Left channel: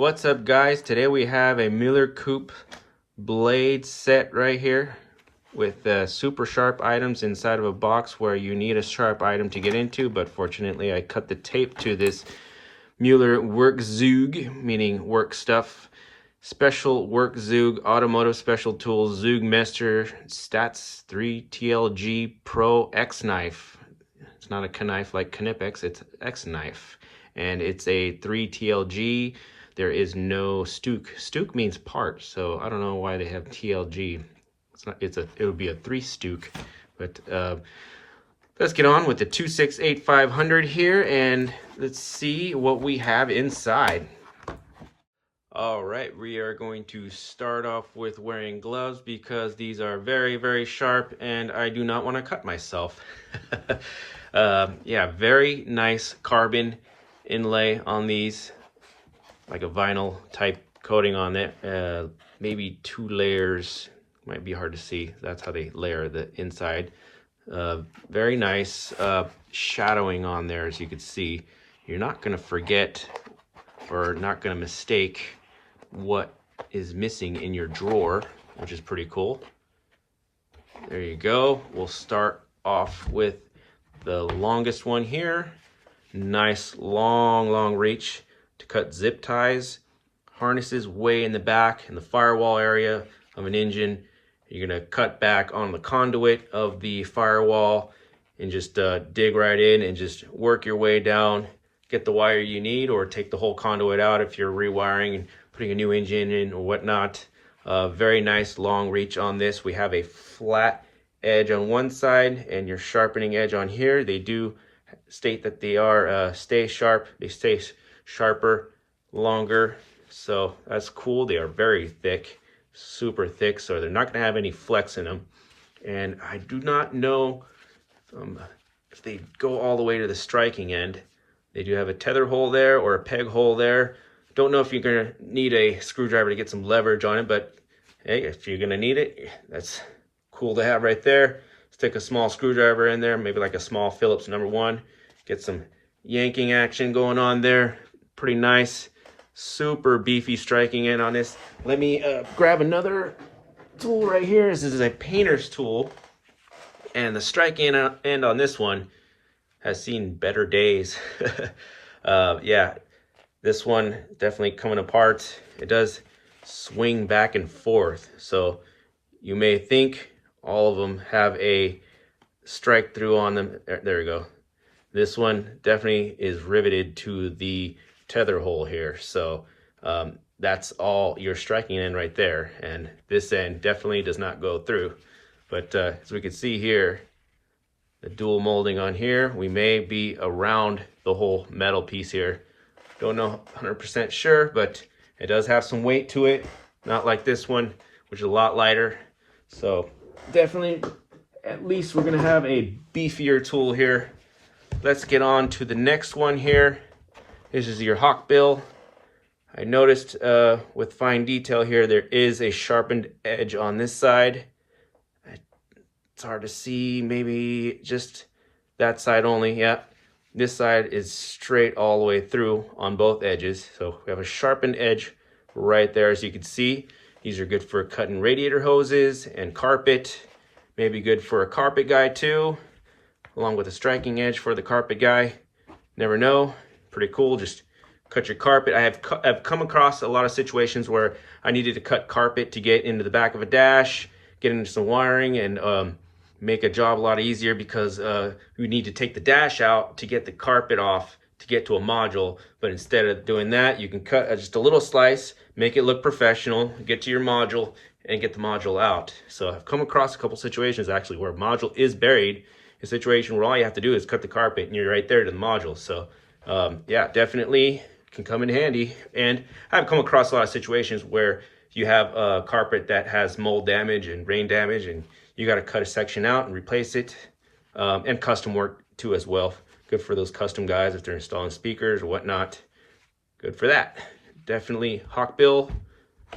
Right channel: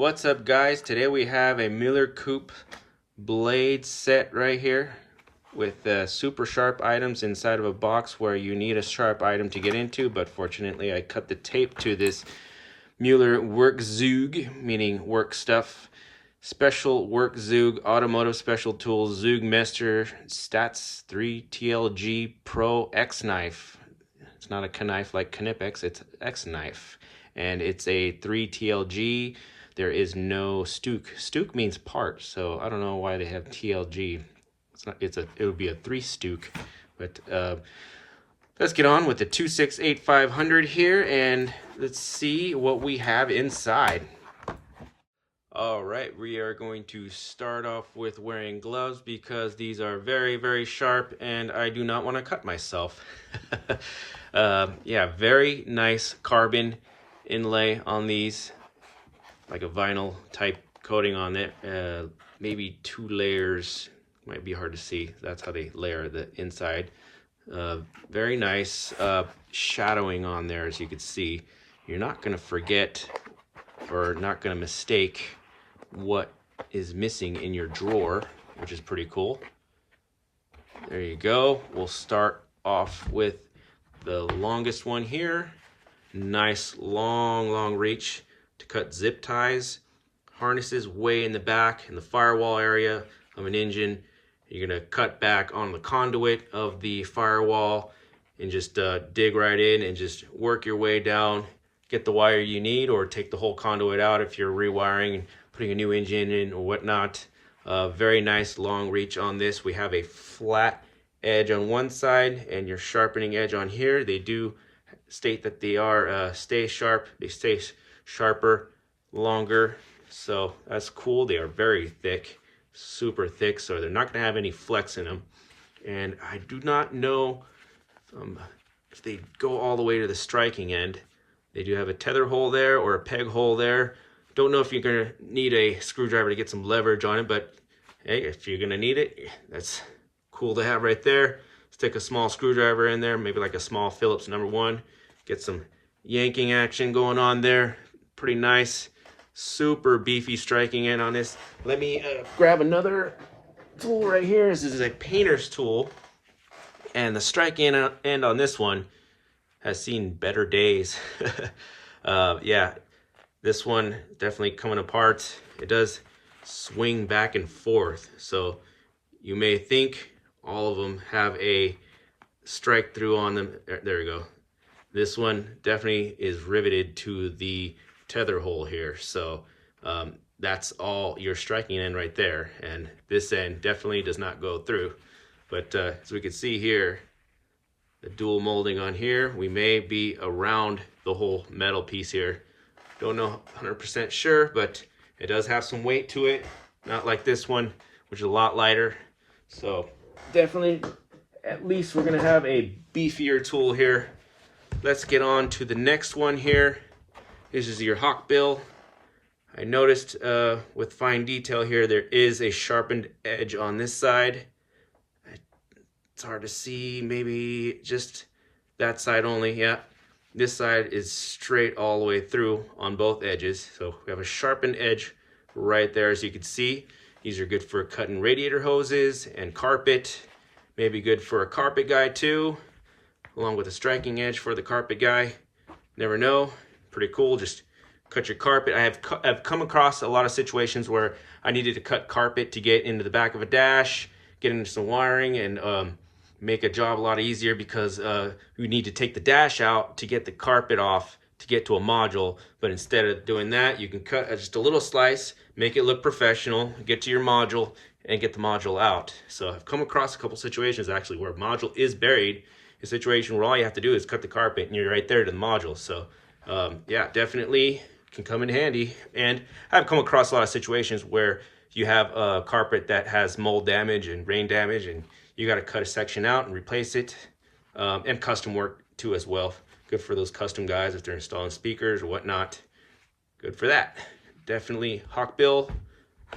What's up, guys? Today we have a Muellerkueps blade set right here with super sharp items inside of a box where you need a sharp item to get into, but fortunately I cut the tape to this Mueller Werkzeug, meaning work stuff, special Werkzeug, automotive special tools, Zeugmeister Stats 3 TLG Pro-Xnife. It's not a knife like Knipex, it's X-Knife. And it's a 3 TLG. There is no Stuk. Stuk means part, so I don't know why they have TLG. It's not. It would be a 3 Stuk. But let's get on with the 268500 here, and let's see what we have inside. All right, we are going to start off with wearing gloves because these are very, very sharp, and I do not want to cut myself. Yeah, very nice carbon inlay on these, like a vinyl type coating on it. Maybe 2 layers, might be hard to see. That's how they layer the inside. Very nice shadowing on there, as you can see. You're not going to forget or not going to mistake what is missing in your drawer, which is pretty cool. There you go. We'll start off with the longest one here. Nice long reach to cut zip ties. Harnesses way in the back in the firewall area of an engine. You're gonna cut back on the conduit of the firewall and just dig right in and just work your way down. Get the wire you need, or take the whole conduit out if you're rewiring and putting a new engine in or whatnot. Very nice long reach on this. We have a flat edge on one side and your sharpening edge on here. They do state that they are stay sharp. They stay sharper longer, so that's cool. They are very thick, super thick, so they're not going to have any flex in them. And I do not know if they go all the way to the striking end. They do have a tether hole there or a peg hole there. Don't know if you're going to need a screwdriver to get some leverage on it, but hey, if you're going to need it, that's cool to have right there. Stick a small screwdriver in there, maybe like a small Phillips #1. Get some yanking action going on there. Pretty nice, super beefy striking in on this. Let me grab another tool right here. This is a painter's tool, and the striking end on this one has seen better days. Yeah, this one definitely coming apart. It does swing back and forth, so you may think all of them have a strike through on them. There we go. This one definitely is riveted to the tether hole here, so that's all your striking end right there, and this end definitely does not go through. But as we can see here, the dual molding on here, we may be around the whole metal piece here. Don't know 100% sure, but it does have some weight to it, not like this one, which is a lot lighter. So definitely, at least we're gonna have a beefier tool here. Let's get on to the next one here. This is your hawk bill. I noticed with fine detail here, there is a sharpened edge on this side. It's hard to see, maybe just that side only. Yeah, this side is straight all the way through on both edges. So we have a sharpened edge right there, as you can see. These are good for cutting radiator hoses and carpet. Maybe good for a carpet guy too, along with a striking edge for the carpet guy. Never know. Pretty cool. Just cut your carpet. I've come across a lot of situations where I needed to cut carpet to get into the back of a dash, get into some wiring, and make a job a lot easier, because we need to take the dash out to get the carpet off to get to a module. But instead of doing that, you can cut just a little slice, make it look professional, get to your module, and get the module out. So I've come across a couple situations actually where a module is buried, a situation where all you have to do is cut the carpet and you're right there to the module. So yeah, definitely can come in handy. And I've come across a lot of situations where you have a carpet that has mold damage and rain damage, and you got to cut a section out and replace it. And custom work too as well. Good for those custom guys if they're installing speakers or whatnot. Good for that. Definitely hawkbill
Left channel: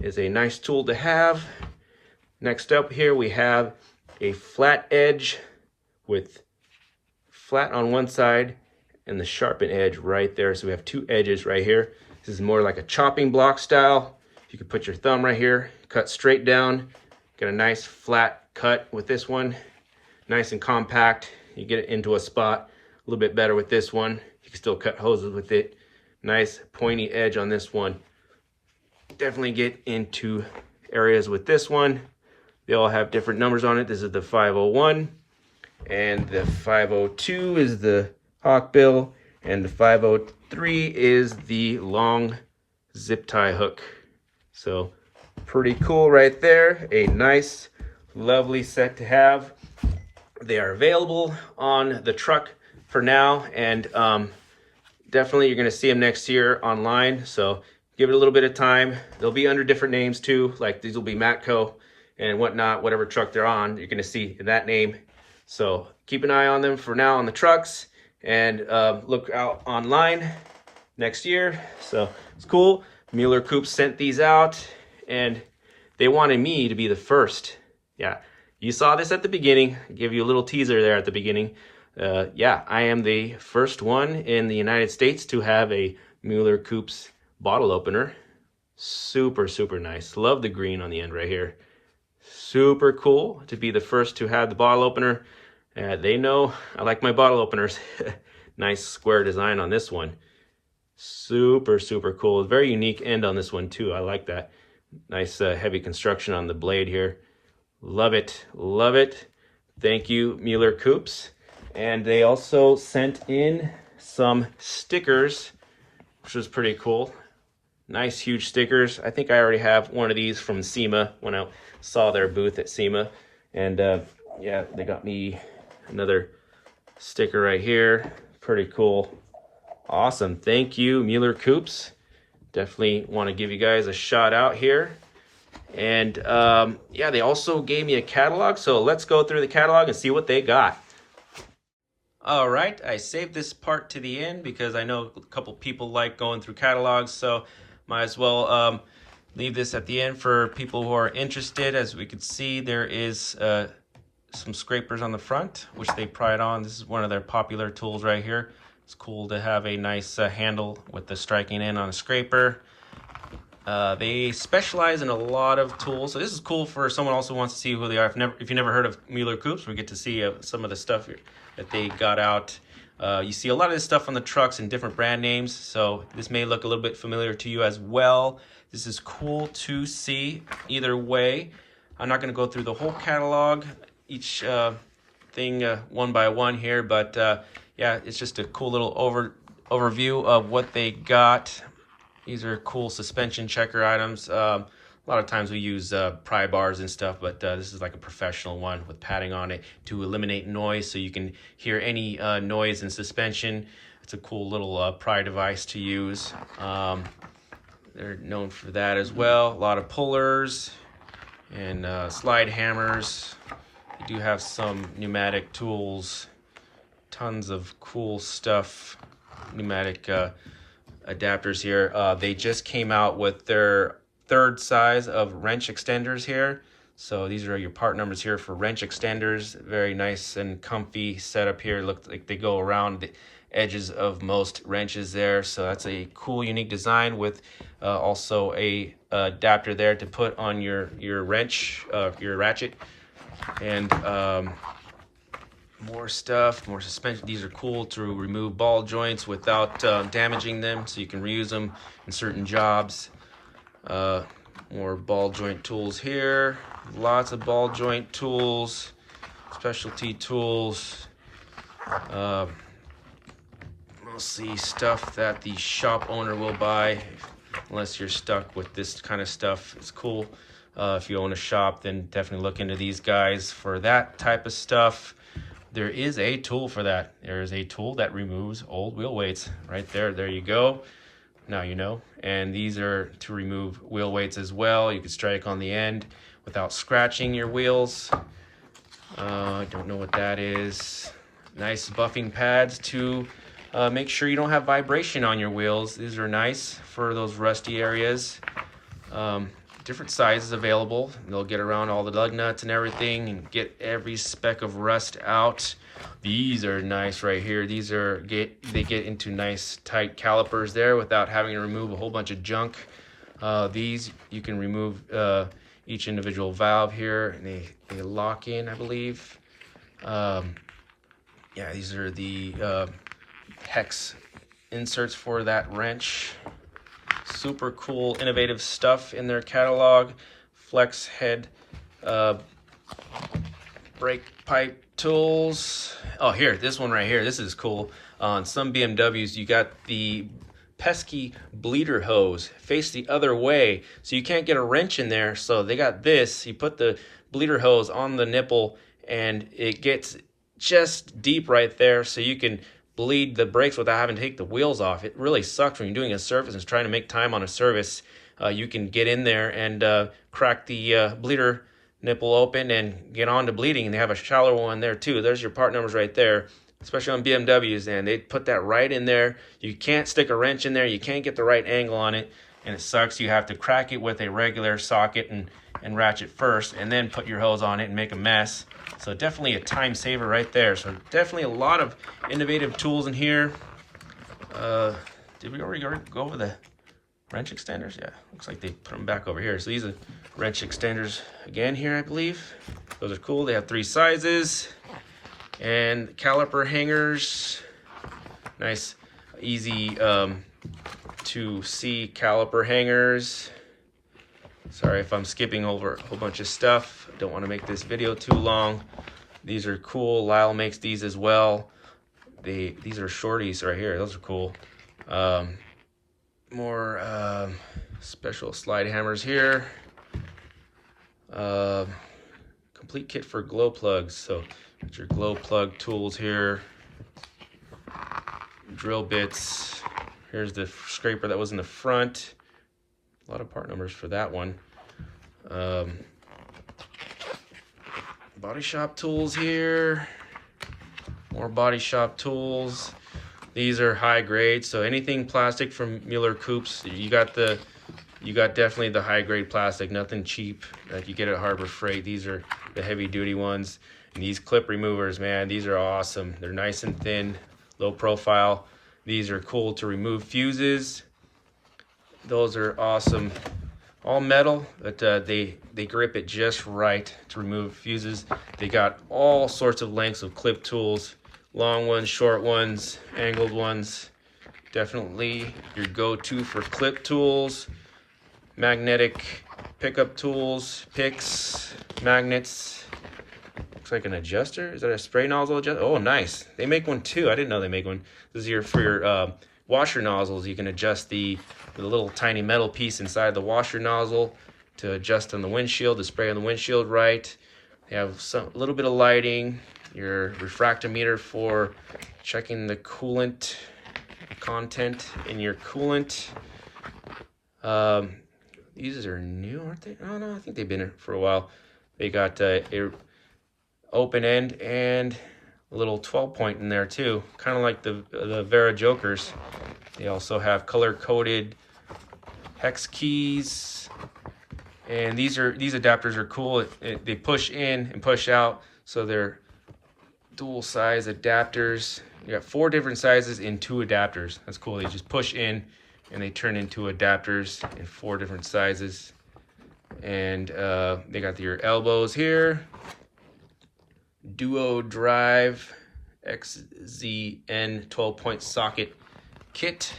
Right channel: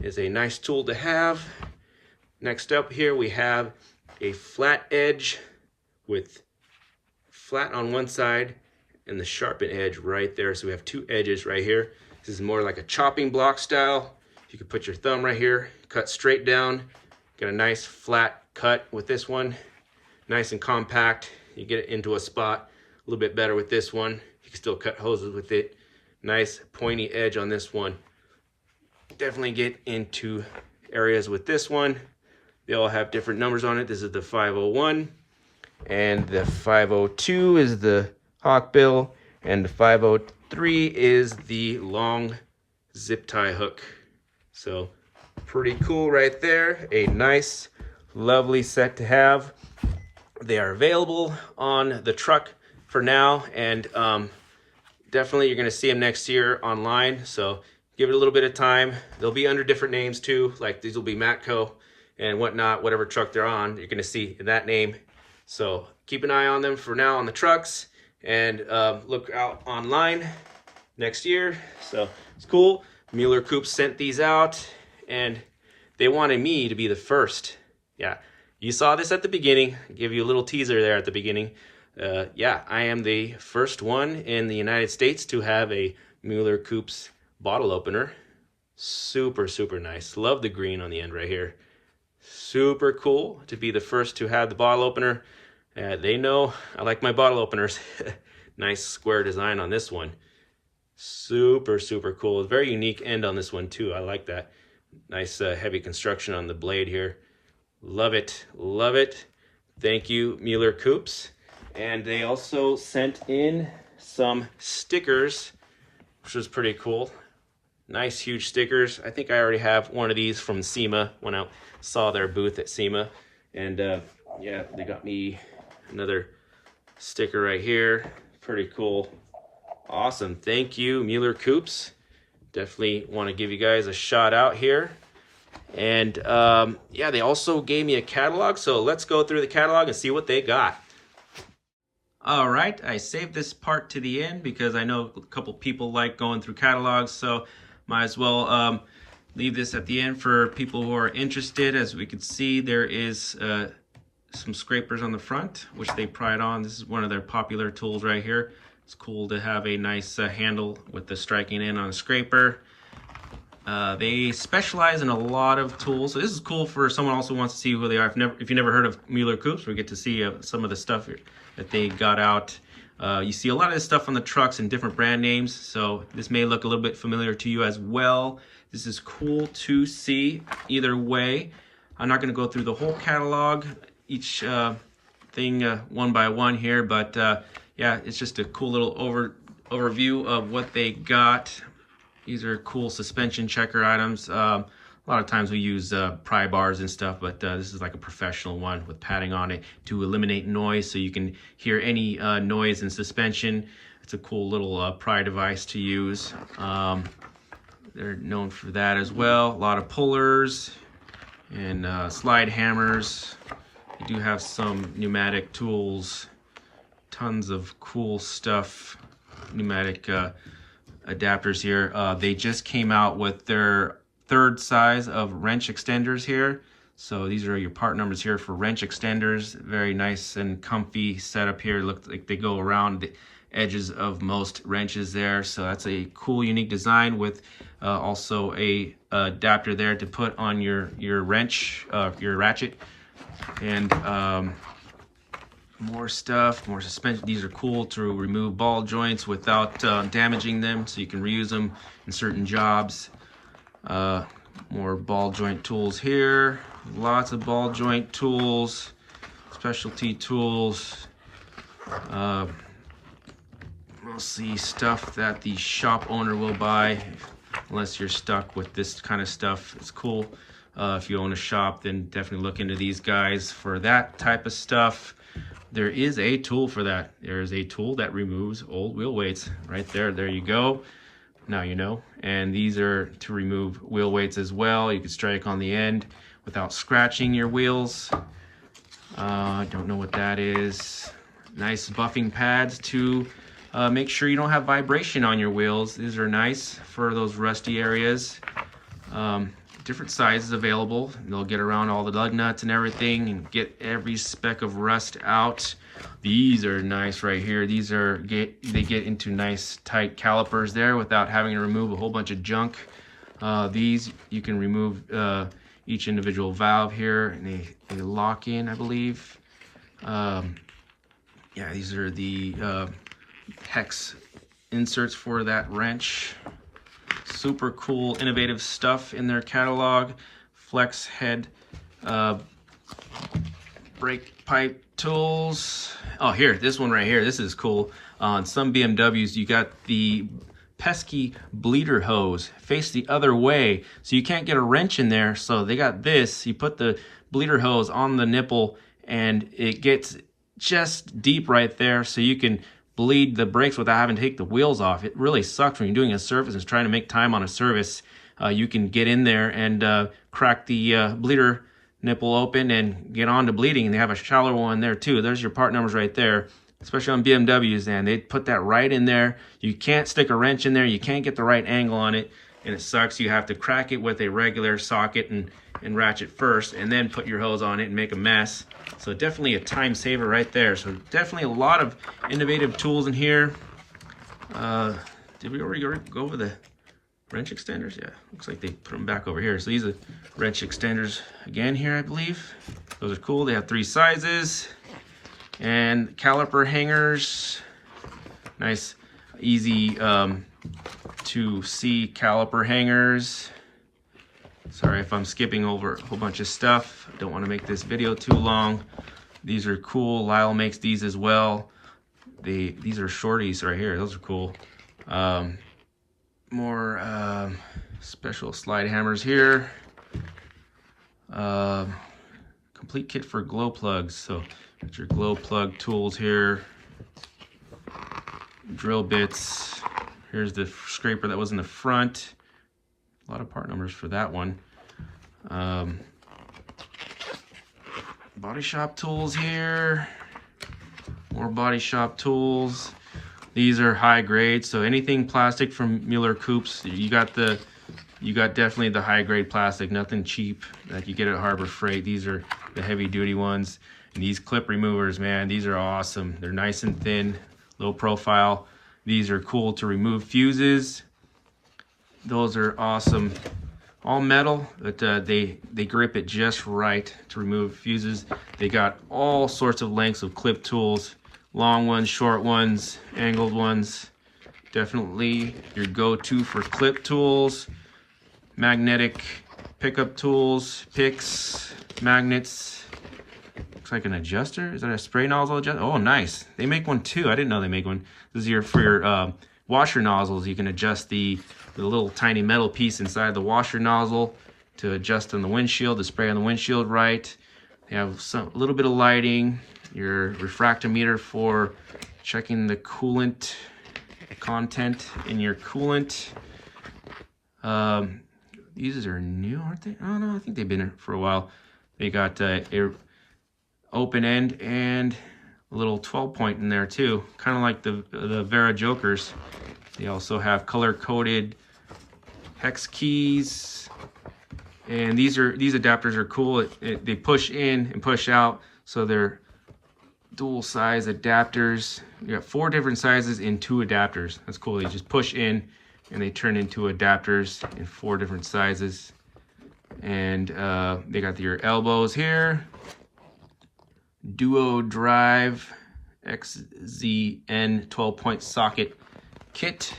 is a nice tool to have. Next up here we have a flat edge with flat on one side and the sharpened edge right there. So we have two edges right here. This is more like a chopping block style. You can put your thumb right here, cut straight down. Get a nice flat cut with this one. Nice and compact. You get it into a spot a little bit better with this one. You can still cut hoses with it. Nice pointy edge on this one. Definitely get into areas with this one. They all have different numbers on it. This is the 501, and the 502 is the hawkbill, and the 503 is the long zip tie hook. So pretty cool right there. A nice, lovely set to have. They are available on the truck for now, and definitely you're going to see them next year online. So give it a little bit of time. They'll be under different names too, like these will be Matco and whatnot, whatever truck they're on, you're going to see that name. So keep an eye on them for now on the trucks, and look out online next year. So it's cool. Muellerkueps sent these out, and they wanted me to be the first. Yeah, you saw this at the beginning. I give you a little teaser there at the beginning. Yeah, I am the first one in the United States to have a Muellerkueps bottle opener. Super, super nice. Love the green on the end right here. Super cool to be the first to have the bottle opener. They know I like my bottle openers. Nice square design on this one. Super, super cool. Very unique end on this one too. I like that. Nice heavy construction on the blade here. Love it. Love it. Thank you, Muellerkueps. And they also sent in some stickers, which was pretty cool. Nice, huge stickers. I think I already have one of these from SEMA when I saw their booth at SEMA. And yeah, they got me another sticker right here. Pretty cool. Awesome. Thank you, Muellerkueps. Definitely want to give you guys a shout out here. And yeah, they also gave me a catalog. So let's go through the catalog and see what they got. All right, I saved this part to the end because I know a couple people like going through catalogs, so might as well leave this at the end for people who are interested. As we can see, there is some scrapers on the front, which they pride on. This is one of their popular tools right here. It's cool to have a nice handle with the striking in on a scraper. They specialize in a lot of tools, so this is cool for someone also wants to see who they are. If you never heard of Muellerkueps, we get to see some of the stuff that they got out. You see a lot of this stuff on the trucks in different brand names, so this may look a little bit familiar to you as well. This is cool to see either way. I'm not going to go through the whole catalog, each thing one by one here, but yeah, it's just a cool little overview of what they got. These are cool suspension checker items. A lot of times we use pry bars and stuff, but this is like a professional one with padding on it to eliminate noise, so you can hear any noise in suspension. It's a cool little pry device to use. They're known for that as well. A lot of pullers and slide hammers. They do have some pneumatic tools. Tons of cool stuff. Pneumatic adapters here. They just came out with their third size of wrench extenders here. So these are your part numbers here for wrench extenders. Very nice and comfy setup here. Look like they go around the edges of most wrenches there. So that's a cool, unique design with also a adapter there to put on your wrench, your ratchet. And more stuff, more suspension. These are cool to remove ball joints without damaging them, so you can reuse them in certain jobs. More ball joint tools here. Lots of ball joint tools, specialty tools. Mostly stuff that the shop owner will buy, unless you're stuck with this kind of stuff. It's cool. If you own a shop, then definitely look into these guys for that type of stuff. There is a tool for that. There is a tool that removes old wheel weights right there. There you go. Now you know. And these are to remove wheel weights as well. You can strike on the end without scratching your wheels. I don't know what that is. Nice buffing pads to make sure you don't have vibration on your wheels. These are nice for those rusty areas. Different sizes available. They'll get around all the lug nuts and everything and get every speck of rust out. These are nice right here. These are they get into nice tight calipers there without having to remove a whole bunch of junk. These you can remove each individual valve here, and they lock in, I believe. Yeah, these are the hex inserts for that wrench. Super cool, innovative stuff in their catalog. Flex head brake pipe tools. Oh, here, this one right here. This is cool. On some BMWs, you got the pesky bleeder hose face the other way, so you can't get a wrench in there. So they got this. You put the bleeder hose on the nipple, and it gets just deep right there, so you can bleed the brakes without having to take the wheels off. It really sucks when you're doing a service and trying to make time on a service. You can get in there and crack the bleeder nipple open and get on to bleeding. And they have a shallower one there too. There's your part numbers right there, especially on BMWs, and they put that right in there. You can't stick a wrench in there. You can't get the right angle on it, and it sucks. You have to crack it with a regular socket and ratchet first, and then put your hose on it and make a mess. So definitely a time saver right there. So definitely a lot of innovative tools in here. Did we already go over the wrench extenders? Yeah, looks like they put them back over here. So these are wrench extenders again here, I believe. Those are cool. They have 3 sizes. And caliper hangers. Nice, easy to see caliper hangers. Sorry if I'm skipping over a whole bunch of stuff. Don't want to make this video too long. These are cool. Lyle makes these as well. These are shorties right here. Those are cool. More special slide hammers here. Complete kit for glow plugs. So got your glow plug tools here. Drill bits. Here's the scraper that was in the front. A lot of part numbers for that one. Body shop tools here. More body shop tools. These are high grade, so anything plastic from Muellerkueps, you got definitely the high grade plastic, nothing cheap that you get at Harbor Freight. These are the heavy duty ones. And these clip removers, man, these are awesome. They're nice and thin, low profile. These are cool to remove fuses. Those are awesome. All metal, but they grip it just right to remove fuses. They got all sorts of lengths of clip tools. Long ones, short ones, angled ones. Definitely your go-to for clip tools. Magnetic pickup tools, picks, magnets. Looks like an adjuster. Is that a spray nozzle adjuster? Oh, nice. They make one too. I didn't know they make one. This is for your washer nozzles. You can adjust the little tiny metal piece inside the washer nozzle to adjust on the windshield, to spray on the windshield right. They have a little bit of lighting. Your refractometer for checking the coolant content in your coolant. These are new, aren't they? Oh no, I think they've been here for a while. They got a open end and a little 12-point in there too, kind of like the Vera Jokers. They also have color-coded hex keys, and these adapters are cool. They push in and push out, so they're dual size adapters. You got 4 different sizes in 2 adapters. That's cool. They just push in and they turn into adapters in 4 different sizes. And they got your elbows here. Duo drive XZN 12-point socket kit.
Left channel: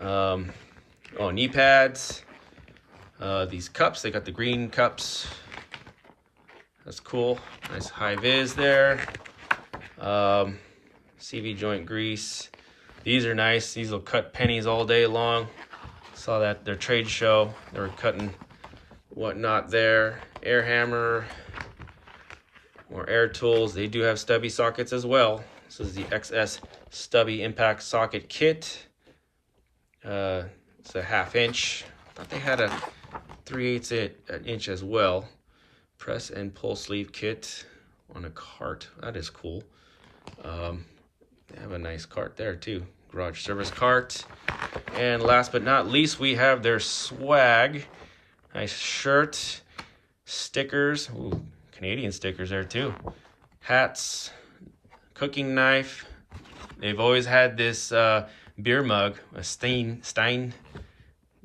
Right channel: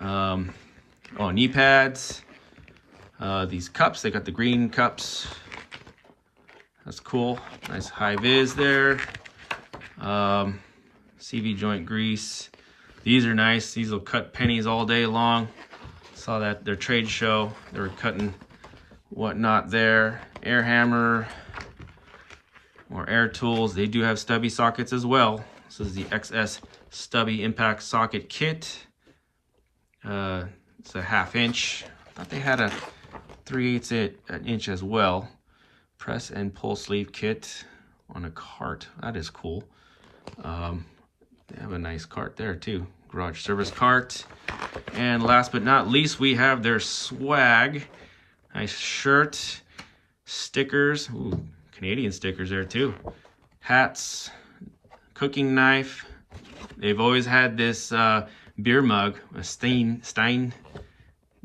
Knee pads. These cups, they got the green cups. That's cool. Nice high vis there. CV joint grease. These are nice. These will cut pennies all day long. Saw that at their trade show. They were cutting whatnot there. Air hammer. More air tools. They do have stubby sockets as well. This is the XS stubby impact socket kit. It's a 1/2 inch. I thought they had a 3/8 inch as well. Press and pull sleeve kit on a cart. That is cool. They have a nice cart there too. Garage service cart. And last but not least, we have their swag. Nice shirt, stickers. Ooh, Canadian stickers there too. hats, cooking knife. They've always had this beer mug, a Stein.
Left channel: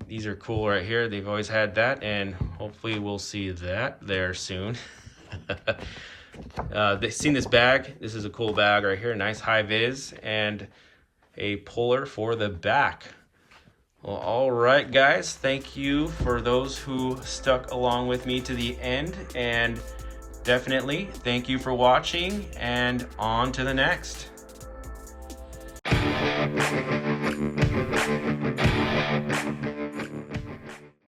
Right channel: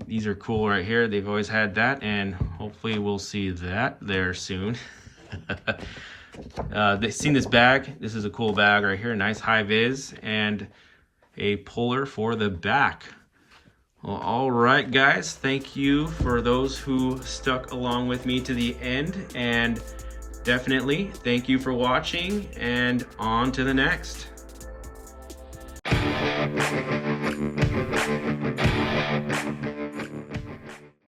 These are cool right here. They've always had that, and hopefully we'll see that there soon. They've seen this bag. This is a cool bag right here, nice high vis, and a puller for the back. Well, all right, guys, thank you for those who stuck along with me to the end, and definitely thank you for watching, and on to the next.